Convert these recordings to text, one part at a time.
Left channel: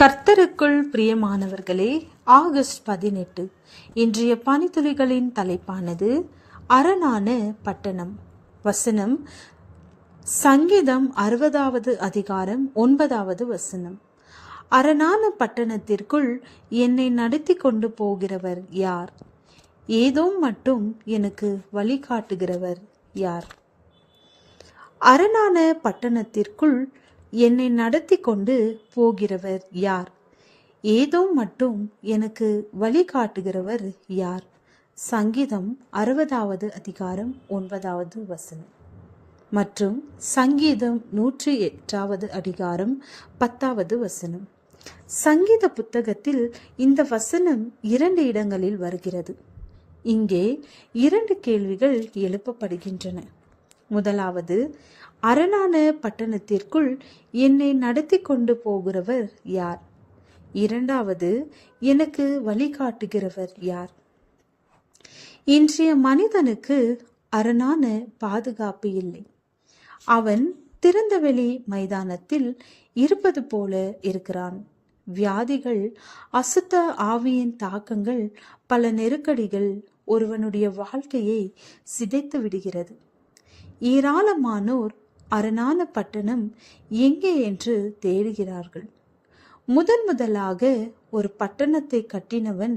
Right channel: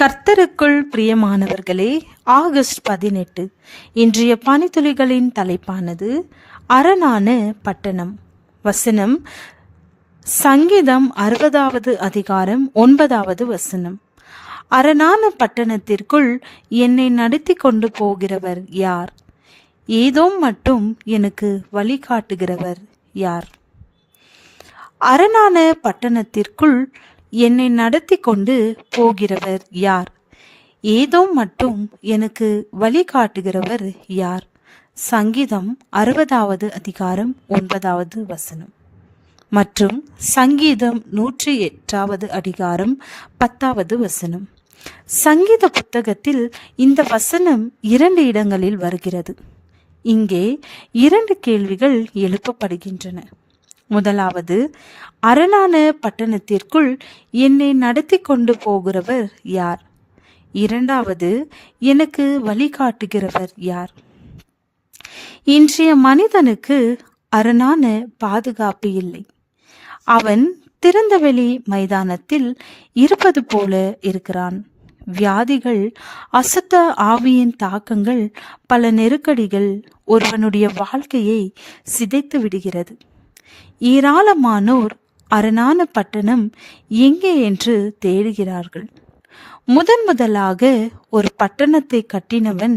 கர்த்தருக்குள் பிரியமானவர்களே, ஆகஸ்ட் 18 இன்றைய பனித்துளிகளின் தலைப்பானது அரணான பட்டணம். வசனம் சங்கீதம் 60வது அதிகாரம் 9வது வசனம். அரணான பட்டணத்திற்குள் என்னை நடத்தி கொண்டு போகிறவர் யார்? ஏதோம் மட்டும் எனக்கு வழிகாட்டுகிறவர் யார்? அரணான பட்டணத்திற்குள் என்னை நடத்தி கொண்டு போகிறவர் யார்? ஏதோ மட்டும் எனக்கு வழிகாட்டுகிறவர் யார்? சங்கீதம் 60வது அதிகாரம் 9வது வசனம் மற்றும் சங்கீதம் 108வது அதிகாரம் 10வது வசனம். சங்கீத புத்தகத்தில் இந்த வசனம் 2 இடங்களில் வருகிறது. இங்கே 2 கேள்விகள் எழுப்பப்படுகின்றன. முதலாவது, அரணான பட்டணத்திற்குள் என்னை நடத்தி கொண்டு போகிறவர் யார்? இரண்டாவது, எனக்கு வழிகாட்டுகிறவர் யார்? இன்றைய மனிதனுக்கு அரணான பாதுகாப்பு இல்லை. அவன் திறந்தவெளி மைதானத்தில் இருப்பது போல இருக்கிறான். வியாதிகள், அசுத்த ஆவியின் தாக்கங்கள், பல நெருக்கடிகள் ஒருவனுடைய வாழ்க்கையை சிதைத்து விடுகிறது. ஏராளமானோர் அரணான பட்டணம் எங்கே என்று தேடுகிறார்கள். முதலாக ஒரு பட்டணத்தை கட்டினவன்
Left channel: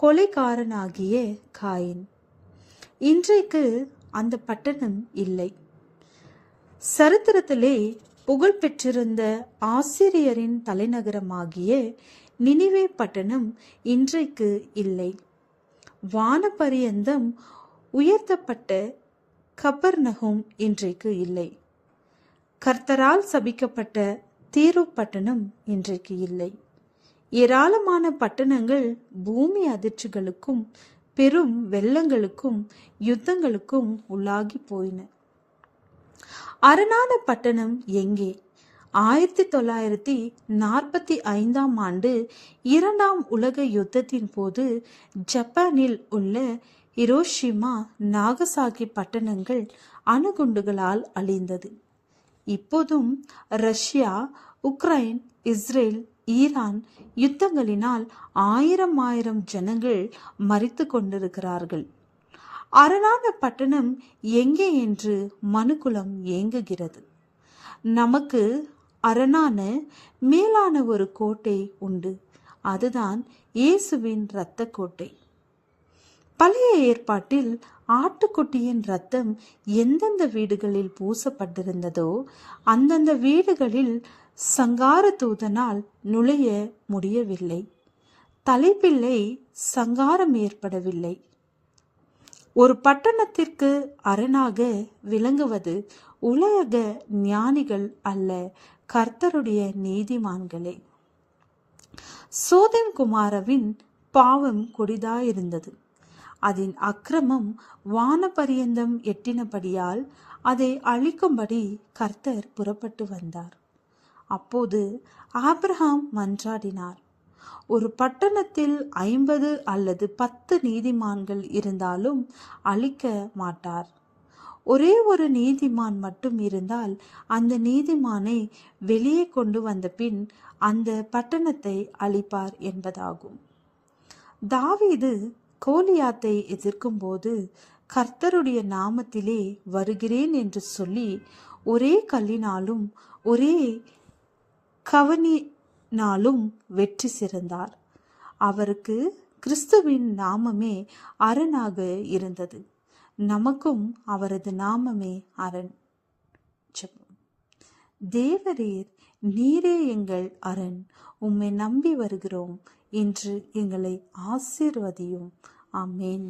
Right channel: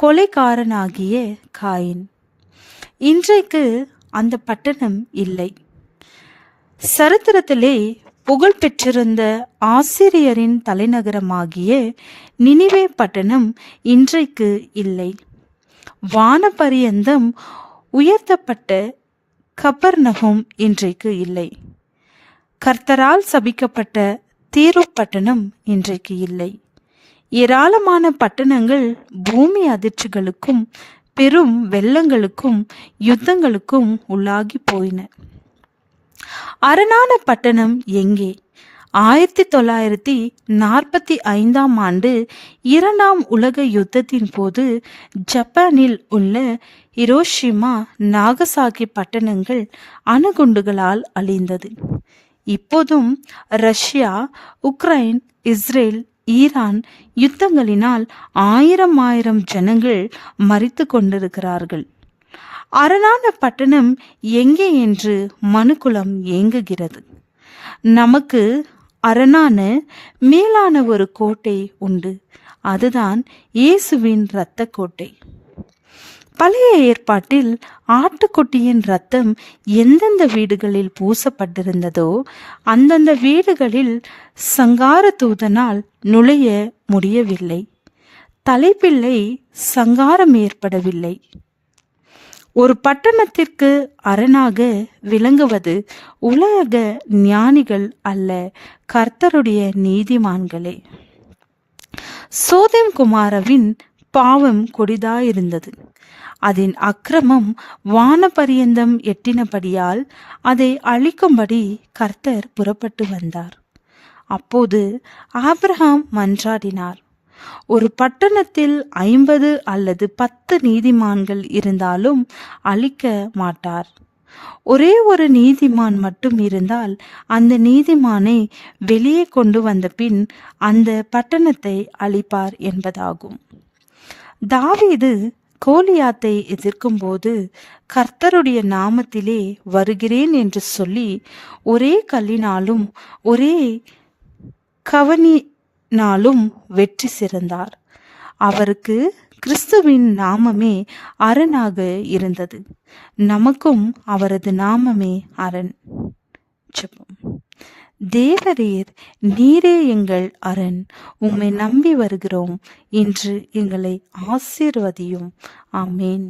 கொலைகாரனாகிய காயின். இன்றைக்கு அந்த பட்டணம் இல்லை. சரித்திரத்திலே புகழ் பெற்றிருந்த ஆசிரியரின் தலைநகரமாகிய நினிவே பட்டணம் இன்றைக்கு இல்லை. வானபரியந்தம் உயர்த்தப்பட்ட கபர்நகும் இன்றைக்கு இல்லை. கர்த்தரால் சபிக்கப்பட்ட தீரு பட்டணம் இன்றைக்கு இல்லை. ஏராளமான பட்டணங்கள் பூமி அதிர்ச்சிகளுக்கும் பெரும் வெள்ளங்களுக்கும் யுத்தங்களுக்கும் உள்ளாகி போயின. அரணான பட்டணம் எங்கே? 1945ஆம் ஆண்டு 2ஆம் உலக யுத்தத்தின் போது ஜப்பானில் உள்ள ஹிரோஷிமா, நாகசாகி பட்டணங்கள் அணுகுண்டுகளால் அழிந்தது. இப்போதும் ரஷ்யா, உக்ரைன், இஸ்ரேல், ஈரான் யுத்தங்களினால் ஆயிரம் ஜனங்கள் மரித்து கொண்டிருக்கிறார்கள். அரணான பட்டணம் எங்கே என்று மனுக்குலம் ஏங்குகிறது. நமக்கு அரணான மேலான ஒரு கோட்டை உண்டு. அதுதான் இயேசுவின் இரத்த கோட்டை. பழைய ஏற்பாட்டில் ஆட்டுக்குட்டியின் இரத்தம் எந்தெந்த வீடுகளில் பூசப்பட்டிருந்ததோ அந்தந்த வீடுகளில் சங்கார தூதனால் நுழைய முடியவில்லை. தலைப்பிள்ளை சங்காரம் ஏற்படவில்லை. ஒரு பட்டணத்திற்கு அரணாக விளங்குவது உலக ஞானிகள் அல்ல, கர்த்தருடைய நீதிமான்களே. சோதோம் குமாரவின் பாவம் கொடிதாயிருந்தது. அதன் அக்கிரமம் வானபரியந்தம் எட்டினபடியால் அதை அழிக்கும்படி கர்த்தர் புறப்பட்டு வந்தார். அப்போது ஆபிரகாம் மன்றாடினார். ஒரு பட்டணத்தில் 50 அல்லது 10 நீதிமான்கள் இருந்தாலும் அழிக்க மாட்டார். ஒரே ஒரு நீதிமான் மட்டும் இருந்தால் அந்த நீதிமானை வெளியே கொண்டு வந்த பின் அந்த பட்டணத்தை அழிப்பார் என்பதாகும். தாவீது கோலியாத்தை எதிர்க்கும் போது கர்த்தருடைய நாமத்திலே வருகிறேன் என்று சொல்லி ஒரே கல்லினாலும் ஒரே கவனினாலும் வெற்றி சிறந்தார். அவருக்கு கிறிஸ்துவின் நாமமே அரணாக இருந்தது. நமக்கும் அவரது நாமமே அரண். ஜெபம். தேவரீர், நீரே எங்கள் அரண். உம்மை நம்பி வருகிறோம். இன்று எங்களை ஆசீர்வதியும். ஆமேன்.